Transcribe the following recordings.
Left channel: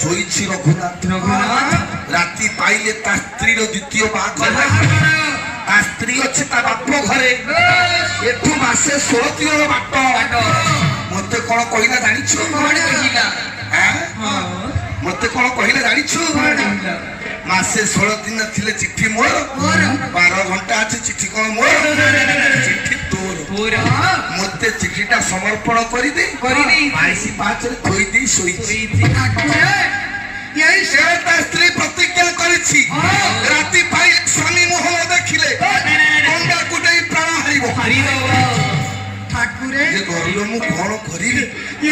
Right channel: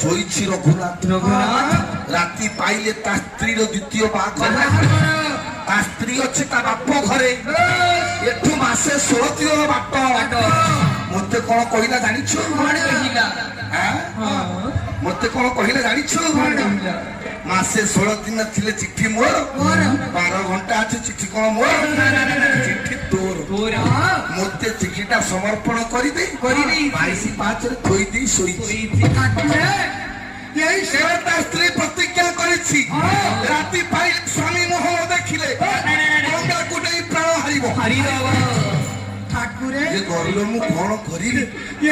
ଶୋଇଛି ରଘୁନାଥ। ରାତି ପାଇଲେ ତା ସ୍ତ୍ରୀର ଦ୍ୱିତୀୟ ବାହାଘର। ତା ସ୍ତ୍ରୀ ଅଛି ତା ବାପ ଘରେ। ଏଠୁ ମାସେ 16 ଦିନର ବାଟ। ମତେ କଣ କହିଲା ଜାଣିଛୁ? ମତେ କଣ କହିଲେ ଜାଣିଛୁ? ମାସେ 16 ଦିନ ଥିଲେ ଚିଠି ମୋର, 12 ଘଣ୍ଟା ଅଛି ଚିଠି କଣ ମୋର? ଚିଠି ତୋର। ମତେ ଚିଠିଟା ସମର୍ପଣ କରିଦେ। 22/5 ଥୋଇଦେଇ ଶୋଇଛି। ତା ସ୍ତ୍ରୀ ପ୍ରତିଜ୍ଞା କରିଛି ରାତି ପାଇ ସ୍ୱାମୀ ମୁହଁ ଦେଖିଲେ ଗଙ୍ଗାକୁ ନେଇ ପ୍ରାଣ ହାରିବ। ଠାକୁରେ ଗରିବ ମୁଁ କଣ କରିବି?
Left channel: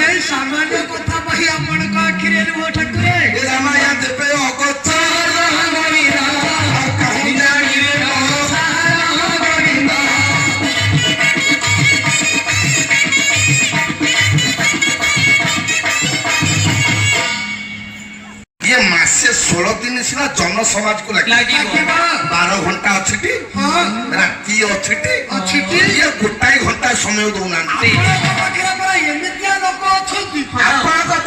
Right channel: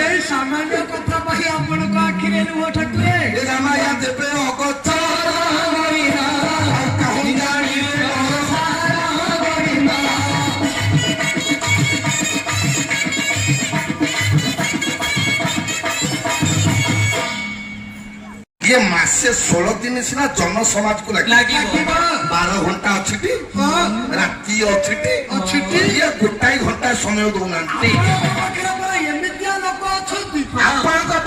ଏଇ ସାମାନ୍ୟ କଥା ପାଇଁ ଆପଣଙ୍କ ଆଖିରେ ଲୁହ ଠାକୁରେ। ରାମାୟା ଦେବେ ଅଗତ୍ୟା ये मासे 16 दिन सिना जन समाज को लगे 12 घंटा अच्छी राति अच्छी ये गोटाए घंटा समय दौना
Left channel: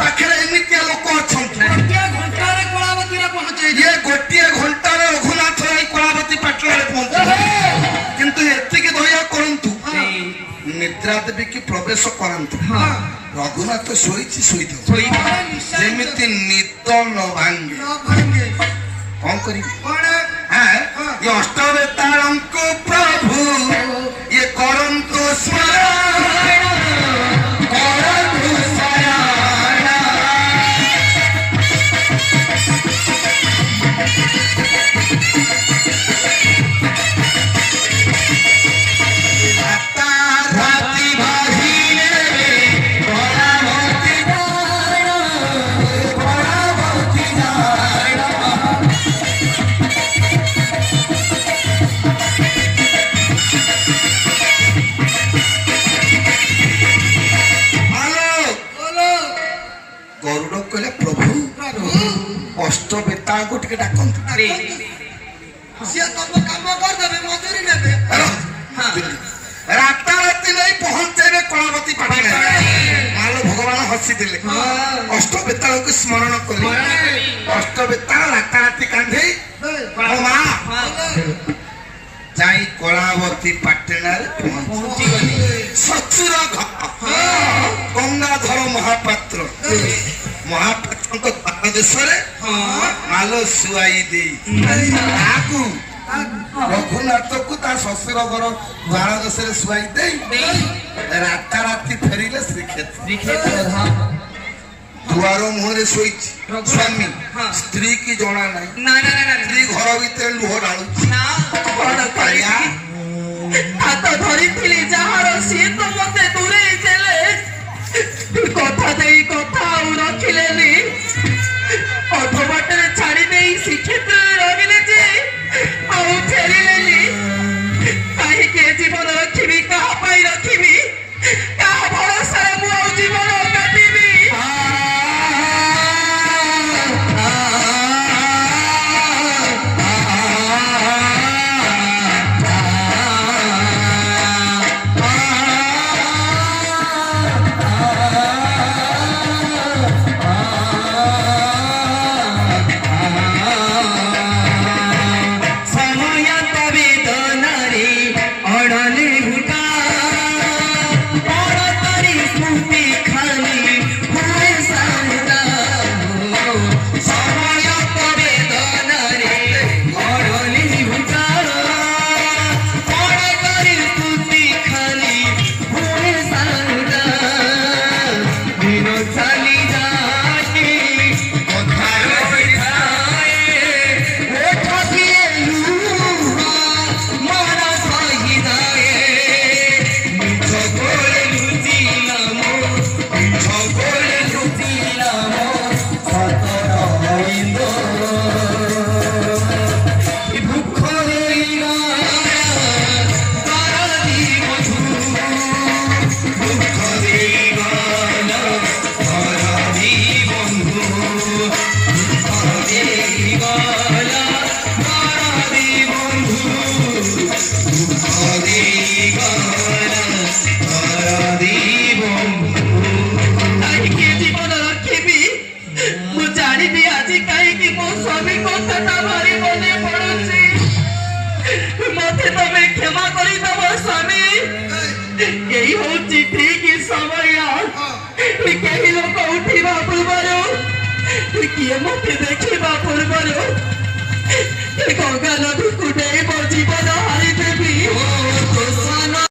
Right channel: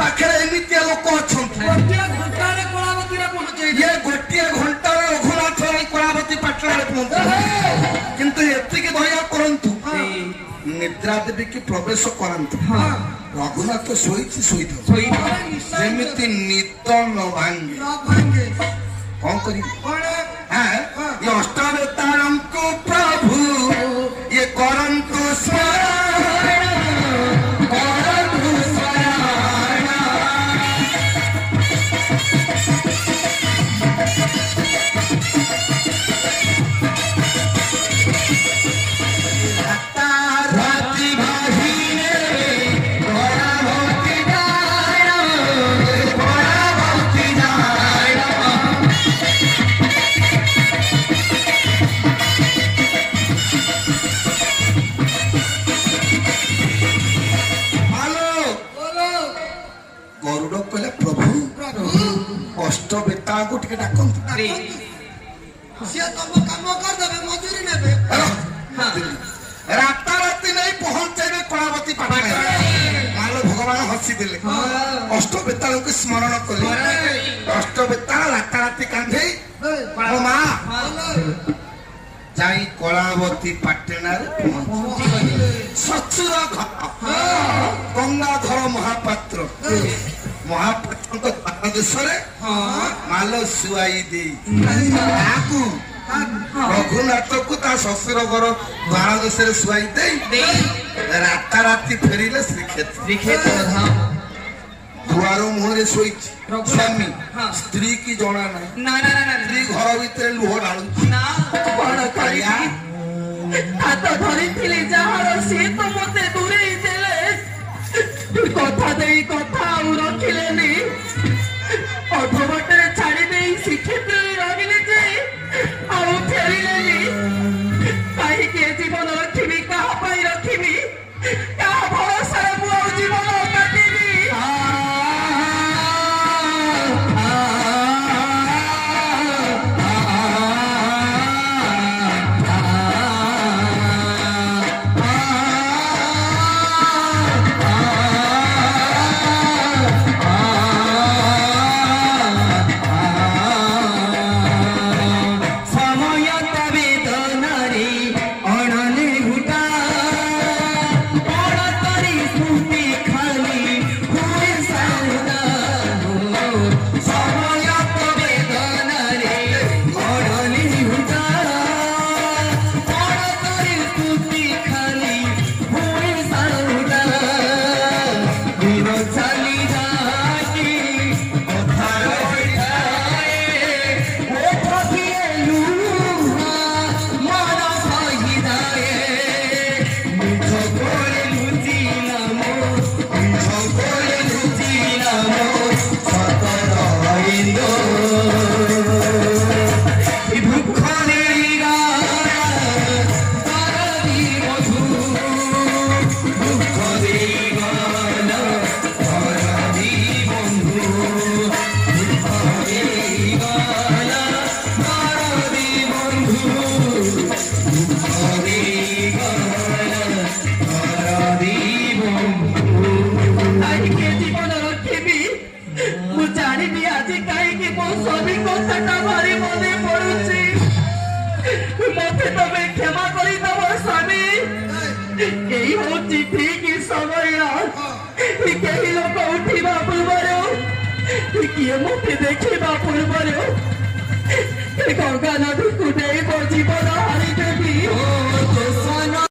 पाखे एमती लोक अच्छा ये गोटे घंटा रघुनाथ कलावती पाटना पहुंचे किंतु एतिक दया करंतु निद्रा देवी की प्रवेश करंतु रघुनाथ शोईमिति निद न भांगे कौन करी अष्टवेतारंको प्रभु ये करंतु अष्टवेतांको टिके डाकंतु सिया तब काम कर देबे मजूरी नेबे राता राती नहीं पहुंचेबे कलावती पाटना मालो भगवान हसी दिले अष्टवेताल को स्मरण कले अष्टवेताल राता राती कांधे ओ मां जाई कलावती पाटना रे पहुंची गली सचुर गंगाधर महापात्र महापात्र देश माल शुआई दे रघुनाथ को शशुर घर द्वार देश शुआई दे राता राति फेरिले श्रीक्षेत्र दुआर मुहरे शोई स्वामी स्त्री की जना ना स्त्री घर भीतर लुह ढालू कथा दे कथा रखिले अधबाटे छाड़ी दे श्रीक्षेत्र रहिले जे फेरिले कहीं जीवन रखी क्या रखी क्या भरोसा मुझे जीवन काटिबी ଜାଣିନି ଆଜି କାହିଁକି ମୋ ସ୍ୱାମୀ କଥାଟା ଭାରି ମନେ ପଡୁଛି। ମତେ ତମେ କ୍ଷମା କରିଦବ ସ୍ୱାମୀ। ଏଇ ହଉଛି ଠିକ ସମୟ। କେହି ଲୋକ ଉଠିବା ପୂର୍ବରୁ କିଏ ମତେ ଦେଖିବା ପୂର୍ବରୁ